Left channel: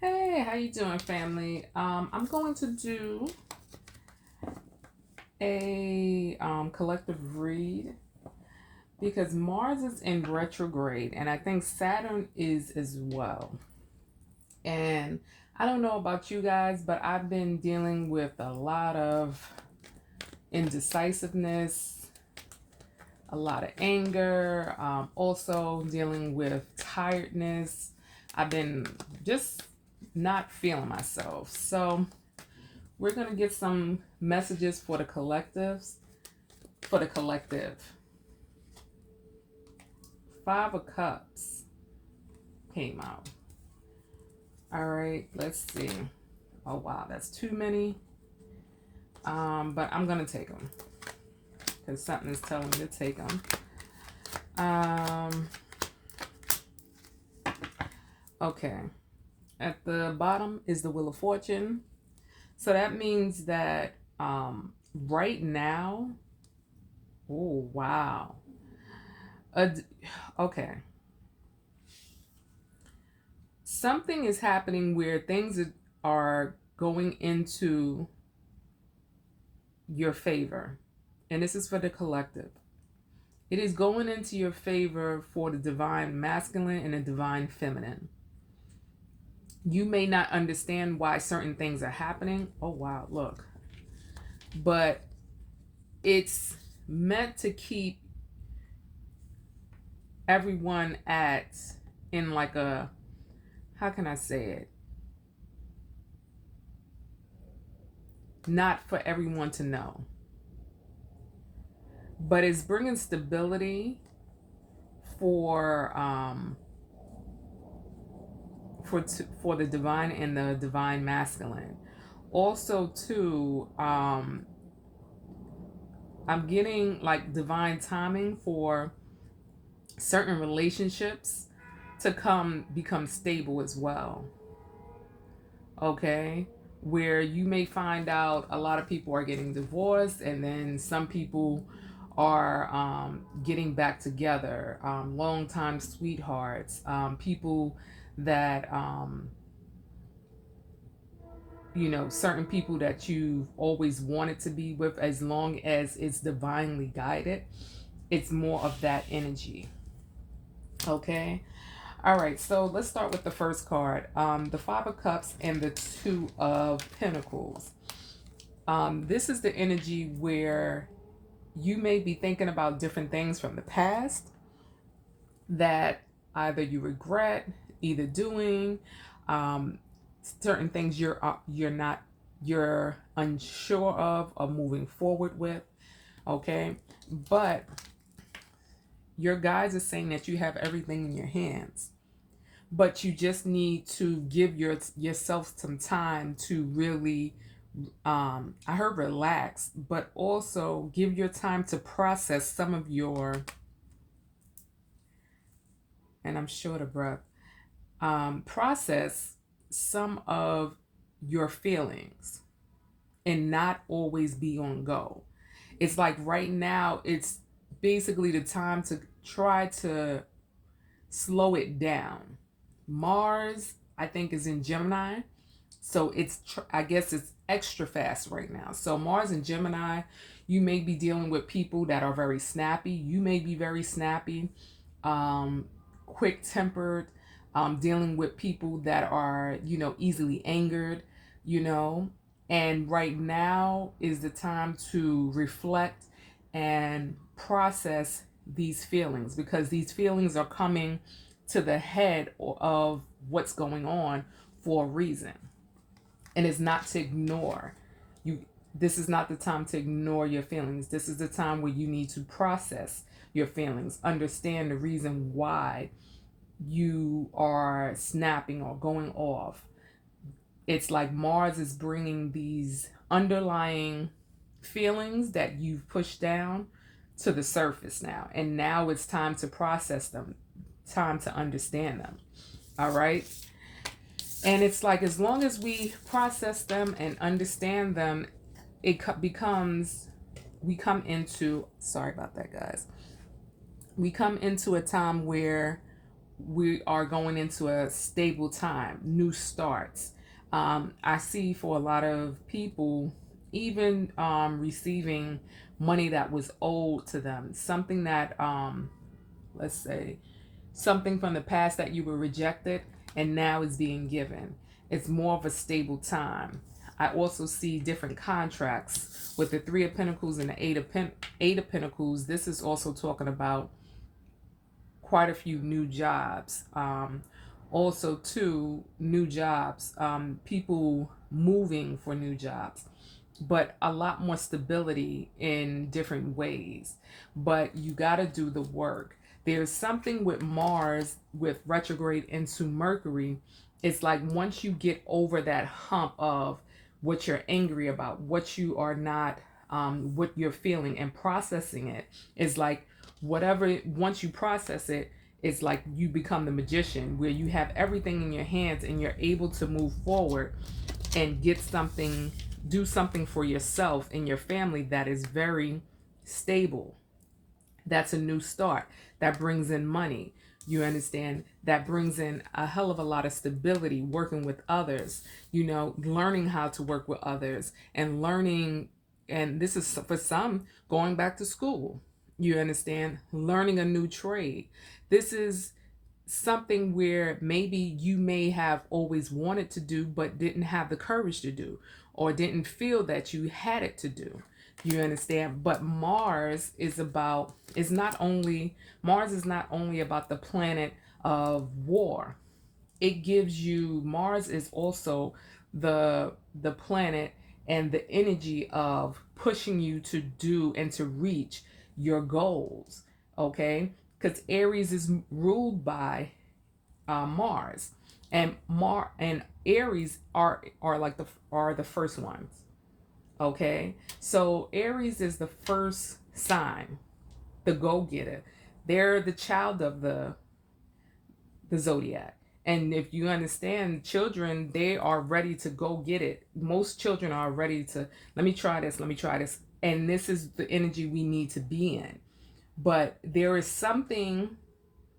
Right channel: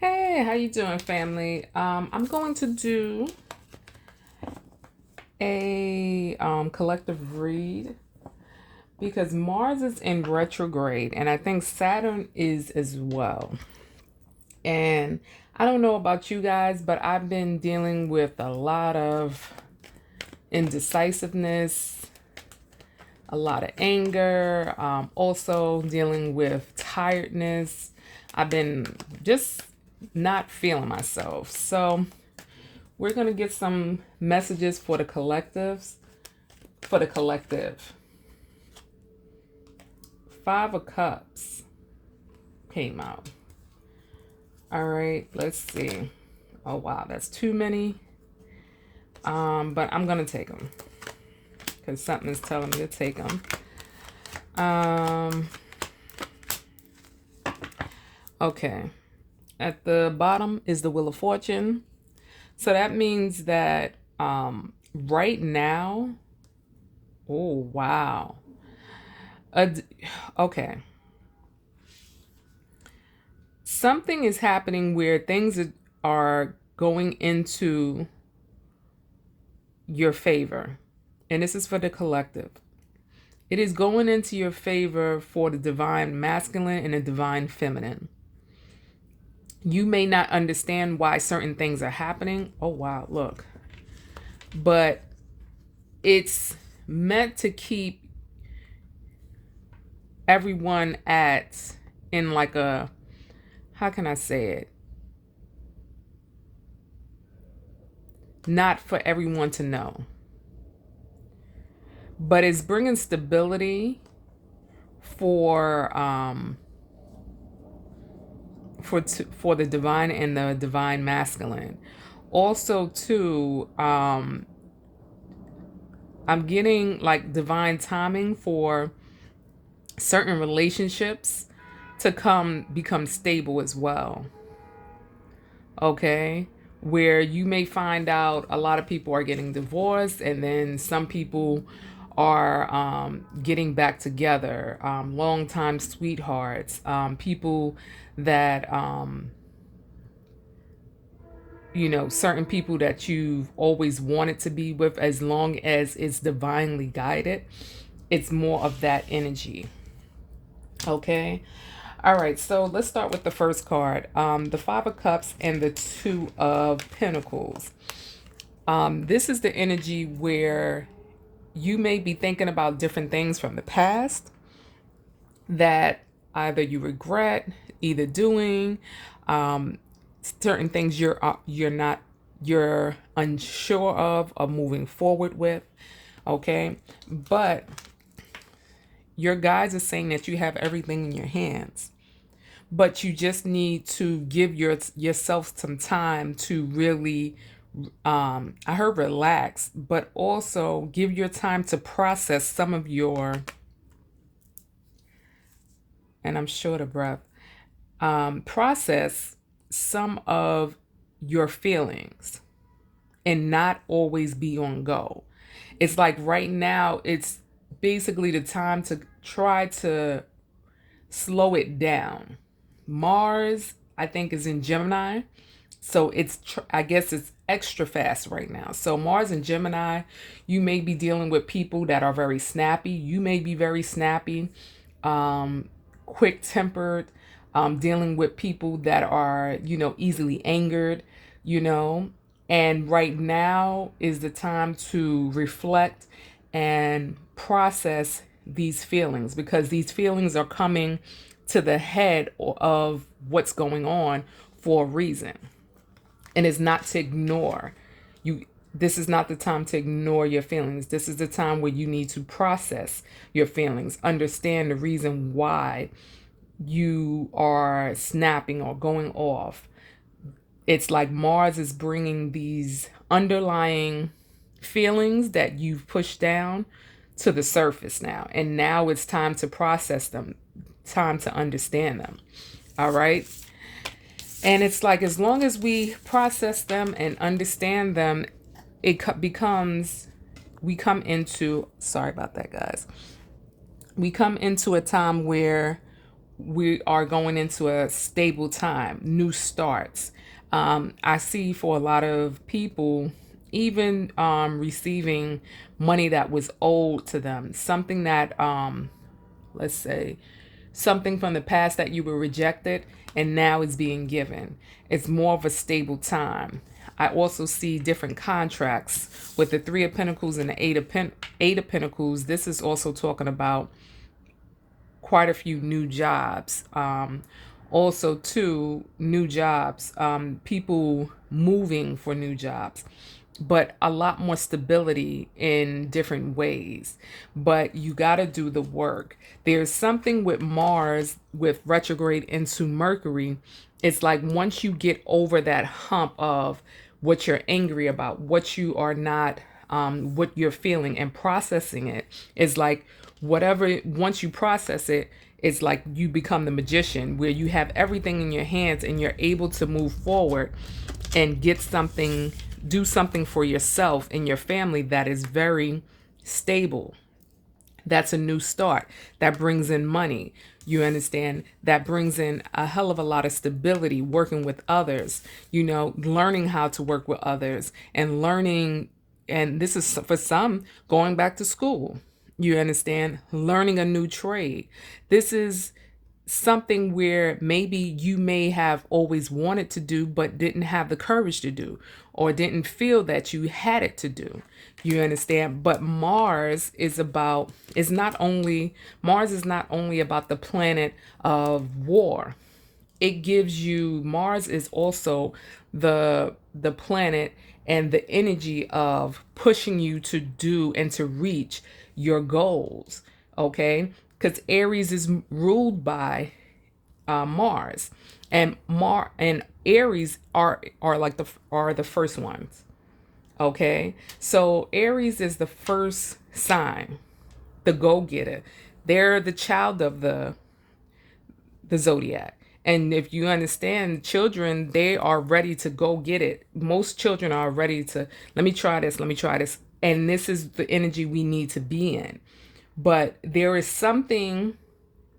Hey, how you doing, family? I'm going to do a collective read because Mars is in retrograde, and I think Saturn is as well. And I don't know about you guys, but I've been dealing with a lot of indecisiveness, a lot of anger, also dealing with tiredness. I've been just not feeling myself. So we're going to get some messages for the collectives, for the collective. Five of Cups came out. All right, let's see. Oh, wow, that's too many. But I'm going to take them because something is telling me to take them. Okay. At the bottom is the Wheel of Fortune. So that means that right now, oh, wow. Okay. Something is happening where things are going into your favor. And this is for the collective. It is going into your favor for the divine masculine and the divine feminine. You may not understand why certain things are happening. Oh, wow, look. But it's meant to keep everyone in like a, how can I say it? Not for everyone to know. But it's bringing stability for for the divine and the divine masculine. Also, too, I'm getting like divine timing for certain relationships to become stable as well. Okay, where you may find out a lot of people are getting divorced, and then some people are getting back together, longtime sweethearts, people that certain people that you've always wanted to be with, as long as it's divinely guided. It's more of that energy. Okay. All right, so let's start with the first card, the Five of Cups and the Two of Pentacles. This is the energy where you may be thinking about different things from the past that either you regret either doing, certain things you're unsure of moving forward with. Okay, but your guides are saying that you have everything in your hands, but you just need to give yourself some time to really, I heard relax, but also give your time to process some of your, and I'm short of breath, process some of your feelings and not always be on go. It's like right now, it's basically the time to try to slow it down. Mars, I think, is in Gemini. So I guess it's extra fast right now. So Mars and Gemini, you may be dealing with people that are very snappy. You may be very snappy, quick tempered, dealing with people that are, easily angered, you know. And right now is the time to reflect and process these feelings, because these feelings are coming to the head of what's going on for a reason. And it's not to ignore you. This is not the time to ignore your feelings. This is the time where you need to process your feelings, understand the reason why you are snapping or going off. It's like Mars is bringing these underlying feelings that you've pushed down to the surface now. And now it's time to process them, time to understand them. All right. And it's like, as long as we process them and understand them, we come into, sorry about that, guys. We come into a time where we are going into a stable time, new starts. I see for a lot of people, even receiving money that was owed to them, something that, let's say, something from the past that you were rejected and now is being given. It's more of a stable time. I also see different contracts with the Three of Pentacles and the Eight of Pentacles. This is also talking about quite a few new jobs. Also, too, new jobs, people moving for new jobs, but a lot more stability in different ways. But you got to do the work. There's something with Mars, with retrograde into Mercury. It's like once you get over that hump of what you're angry about, what you are not, what you're feeling, and processing it, is like whatever, once you process it, it's like you become the magician where you have everything in your hands and you're able to move forward and get something, do something for yourself and your family that is very stable. That's a new start. That brings in money. You understand? That brings in a hell of a lot of stability, working with others, learning how to work with others and learning. And this is for some going back to school. You understand? Learning a new trade. This is something where maybe you may have always wanted to do but didn't have the courage to do, or didn't feel that you had it to do. You understand? But Mars is not only about the planet of war. It gives you, Mars is also the planet and the energy of pushing you to do and to reach your goals. Okay, because Aries is ruled by Mars, and Aries are like the first ones. Okay, so Aries is the first sign, the go-getter. They're the child of the zodiac. And if you understand, children, they are ready to go get it. Most children are ready to, let me try this, let me try this. And this is the energy we need to be in. But there is something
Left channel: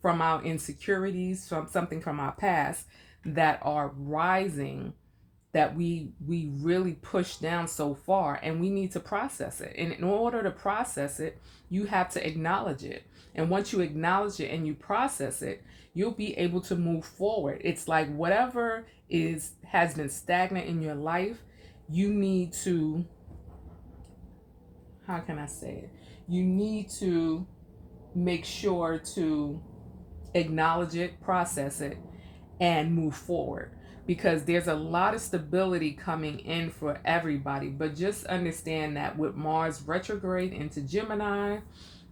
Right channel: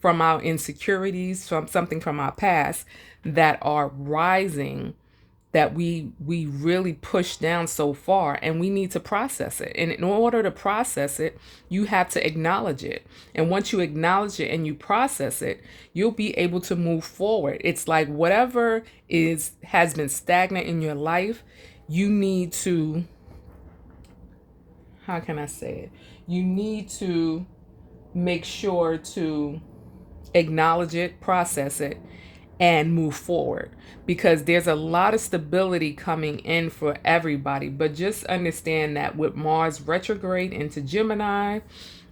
from our insecurities, from something from our past that are rising, that we really push down so far, and we need to process it. And in order to process it, you have to acknowledge it. And once you acknowledge it and you process it, you'll be able to move forward. It's like whatever has been stagnant in your life, you need to, how can I say it? You need to make sure to acknowledge it, process it, and move forward, because there's a lot of stability coming in for everybody. But just understand that with Mars retrograde into Gemini,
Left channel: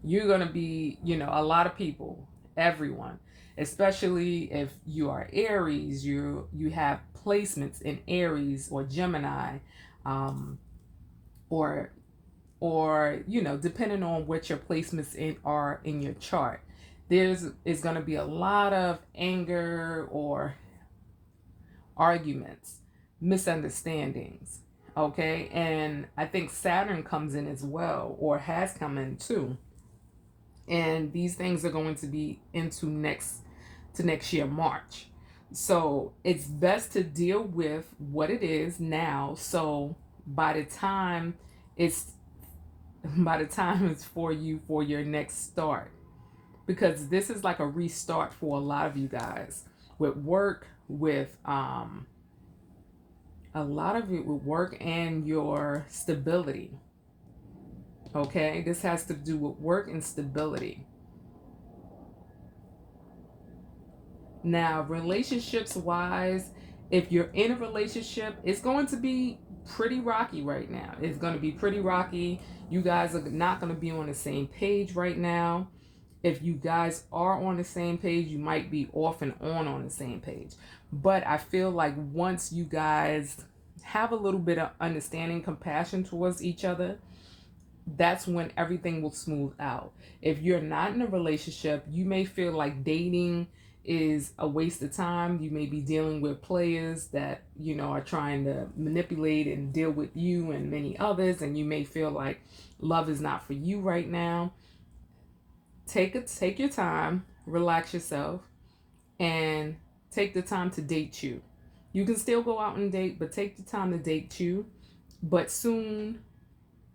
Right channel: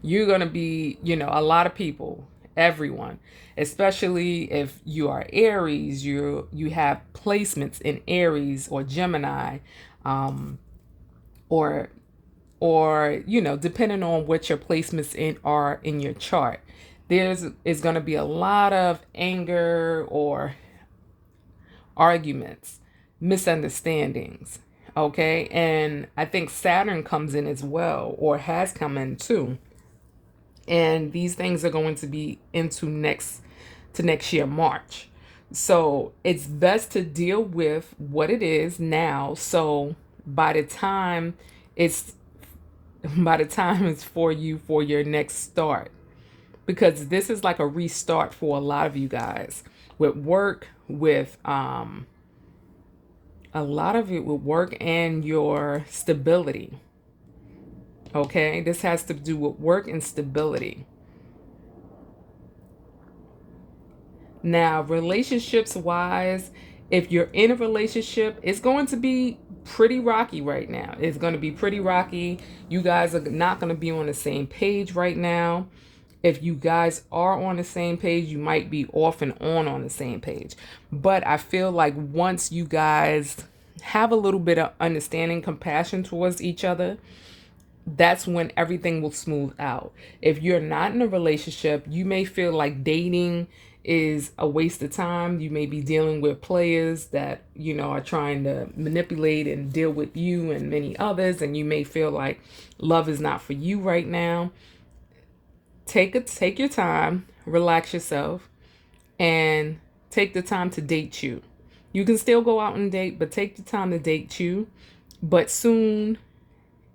you're going to be, a lot of people, everyone, especially if you are Aries, you have placements in Aries or Gemini, or depending on what your placements are in your chart. Is going to be a lot of anger or arguments, misunderstandings. Okay, and I think Saturn comes in as well, or has come in too. And these things are going to be into next year, March. So it's best to deal with what it is now. So by the time it's for you for your next start, because this is like a restart for a lot of you guys with work, with a lot of it with work and your stability. Okay, this has to do with work and stability. Now, relationships wise, if you're in a relationship, it's going to be pretty rocky right now. It's going to be pretty rocky. You guys are not going to be on the same page right now. If you guys are on the same page, you might be off and on the same page. But I feel like once you guys have a little bit of understanding, compassion towards each other, that's when everything will smooth out. If you're not in a relationship, you may feel like dating is a waste of time. You may be dealing with players that, are trying to manipulate and deal with you and many others, and you may feel like love is not for you right now. Take your time, relax yourself, and take the time to date you. You can still go out and date, but take the time to date you. But soon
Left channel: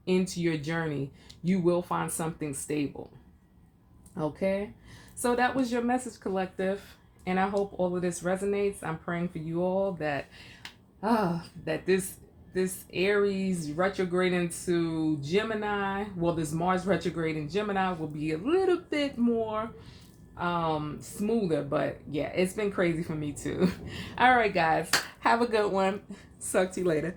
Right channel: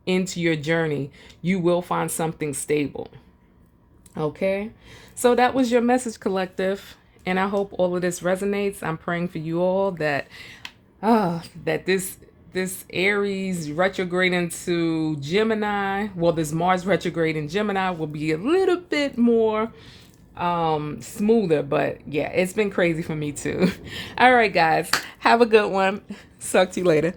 into your journey, you will find something stable. Okay? So that was your message, collective. And I hope all of this resonates. I'm praying for you all that that this Aries retrograde into Gemini, well, this Mars retrograde in Gemini will be a little bit more smoother, but yeah, it's been crazy for me too. All right, guys, have a good one. Talk to you later.